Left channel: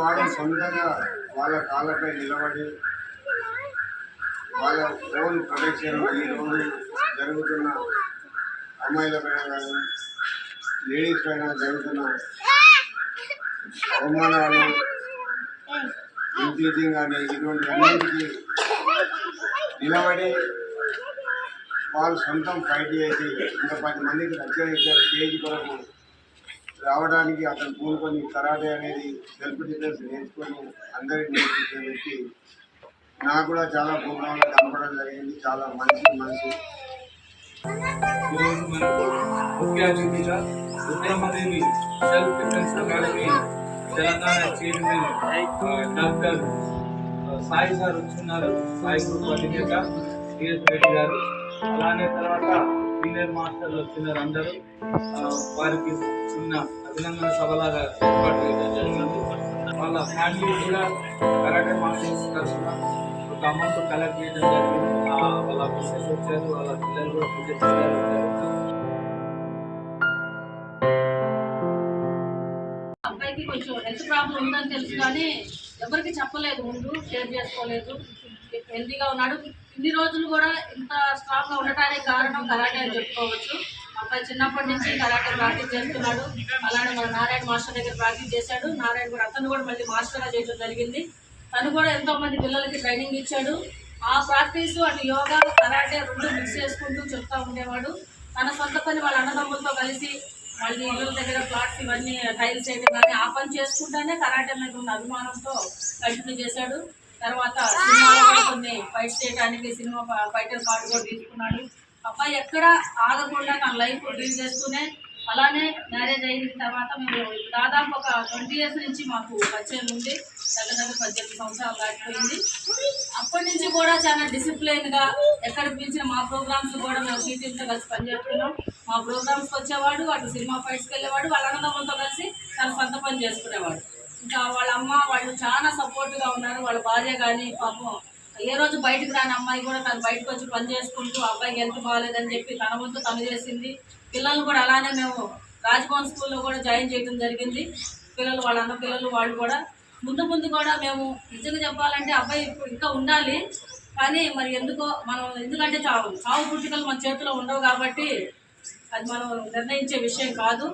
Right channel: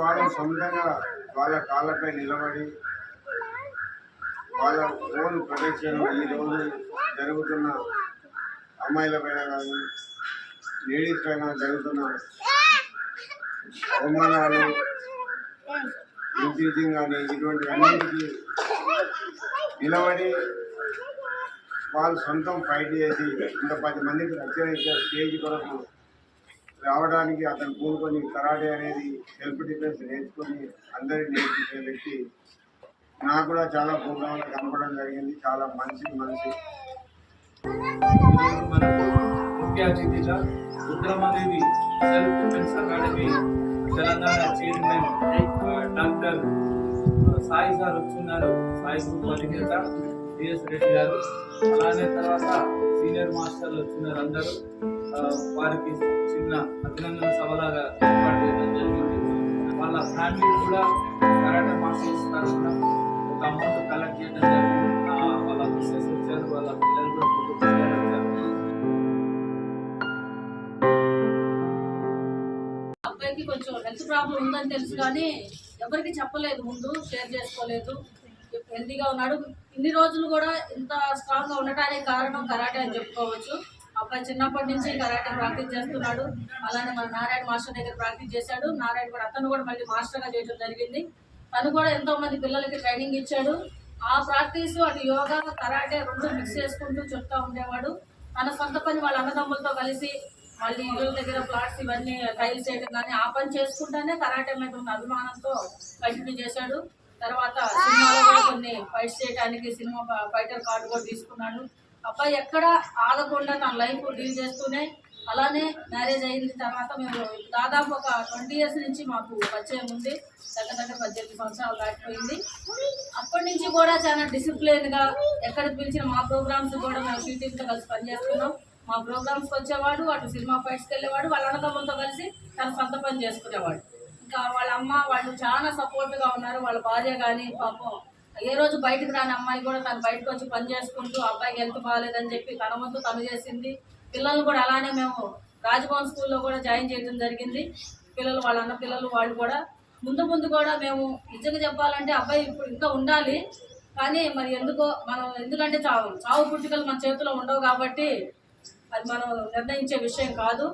వాళ్ళు సొంతంగా వాళ్ళ కాళ్ళపై నిలబడి వాళ్ళ ఓన్ ప్రొటెక్షన్ ఈరోజు జరుగుతున్న అమ్మాయిల పైన కానీ లేడీస్ పైన జరుగుతున్న అవమానాలు ఇంటీజింగ్ కానీ ఇటువంటి అన్నింటికి నిలబడి వాళ్ళు సొంతం ఫైట్ చేసి ఇంకా 10 మందికి రక్షణ స్టేజ్ కొరకు రావడానికి అతను పూనుకొని కరాటే అనేది సెల్ఫ్ డిఫెన్స్ నేర్చుకొని అందరికి నేర్పించే వ్యక్తి. నాకు కూడా చాలా ప్రోగ్రాంలో కనపడడం జరిగింది. చాలా మంచి మనిషి. మనకు ముఖ్య అతిథిగా Rudramadevi self defence academy Telangana chairman doctor Sai sir వచ్చున్నారు. సాయి గ్రూప్ అధినేత సిఎస్ రెడ్డి గారు, అలానే తర్వాత సీనియర్ మాస్టర్లు వచ్చినారు. అందరూ వారికి చిన్న అభినందన సభలాగా ఏర్పాటు చేయడం జరిగింది. వాళ్ళ ఫ్యామిలీ కూడా కరాటే మాస్టర్స్ తరఫున ఒక అమౌంట్ కలెక్ట్ చేయడం జరిగింది. వాళ్ళ మిస్సెస్ వచ్చారు, వాళ్ళ పిల్లలు కూడా పూజ చేయాలి వచ్చారు. అబ్బాయికి కొంచెం హెల్త్ ప్రాబ్లం ఉందని తెలుసు కానీ ఎవరికి చెప్పలేదు, ముందు షేర్ చేసుకోలేదు. హెల్తీగా ఉన్నాడు. ఇన్ని రోజులు కూడా ఇంత స్ట్రాంగ్గా ఉండటానికి కారణం కరాటే అని చెప్పుకోవచ్చు. అబ్బాయి చిన్నప్పటి నుంచి కరాటే ప్రాక్టీస్ చేస్తున్నాడు. అలానే మన నారాయణ మాస్టర్ దగ్గర ప్రాక్టీస్ చేశాడు. నారాయణ కూడా అతను కూడా మళ్ళీ మాస్టర్గా చేయడం జరిగింది. తను కూడా ఎంతోమంది పిల్లలకి ట్రైనింగ్ ఇచ్చాడు. ఆ ప్రాక్టీస్ అటు యోగా కరాటే రెండు మిక్స్ చేసుకుంటూ చెప్తూ ఉండేవాడు. తన సొంత పని వాళ్ళ అన్నదమ్ములతో కలిసి మళ్ళీ ఇళ్ళ దగ్గర ప్లాట్స్ ఇవన్నీ టైల్స్ చేయడం కానీ ఆ పని చేసుకుంటేనే కరాటే మీద ఉన్న అభిమానంతో కంటిన్యూ చేశాడు. తర్వాత సినిమాలో కూడా కొన్ని ఫైట్స్ చేయడానికి సినిమా ఫైటర్ కార్డు కూడా తీసుకున్నాడు. అబ్బాయి ఎక్కడ ఆగకుండా తన లైఫ్ డీల్ చేస్తూనే, అలానే మ్యారేజ్ అయిన తర్వాత మేము దాదాపు ఒక 20 years నుంచి మాకు పరిచయం ఉంది. దగ్గర 18 సంవత్సరాలు దాటిపోయింది. అప్పటి నుంచి కూడా చాలా డిసిప్లిన్గా ఎక్కడికి పిలిచిన మా ప్రోగ్రామ్స్ కూడా మేము టీటీతో కలిసి పనిచేస్తున్నాం. మా ప్రోగ్రామ్స్కి వచ్చేవాడు, అటు సినిమా ఫైట్స్కి వెళ్ళేవాడు, వాళ్ళ అన్నదమ్ములతో కలిసి తన సొంత పని చేసుకునేవాడు. ఇంకా వాళ్ళ అమ్మ వాళ్ళు చాలా సపోర్ట్గా ఉన్నారు. వాళ్ళ భార్య కానీ పాపం ఏ రోజు బయటకు రాని అమ్మాయి కూడా తను బయటకు వచ్చి పని చేసుకుంటూ అబ్బాయికి హెల్త్ బాగాలేదని చెప్పి తన వంతు తను చేసింది. పిల్లలు కూడా అలానే మేము రాజ్భవన్ స్కూల్లో కూడా జాయిన్ చేయడం జరిగింది. పిల్లలు వాళ్ళ అన్న పిల్లలు వాళ్ళు కూడా ముందు కూడా మేము నిజంగా చెప్పాలంటే అబ్బాయి ఇప్పుడు ఇంకా ఉండాలి. కానీ మరి ఎందుకంటే చావు పుట్టుకలు మన చేతిలో ఉండవు కాబట్టి అది మనం నిర్ణయించే విషయం కాదు.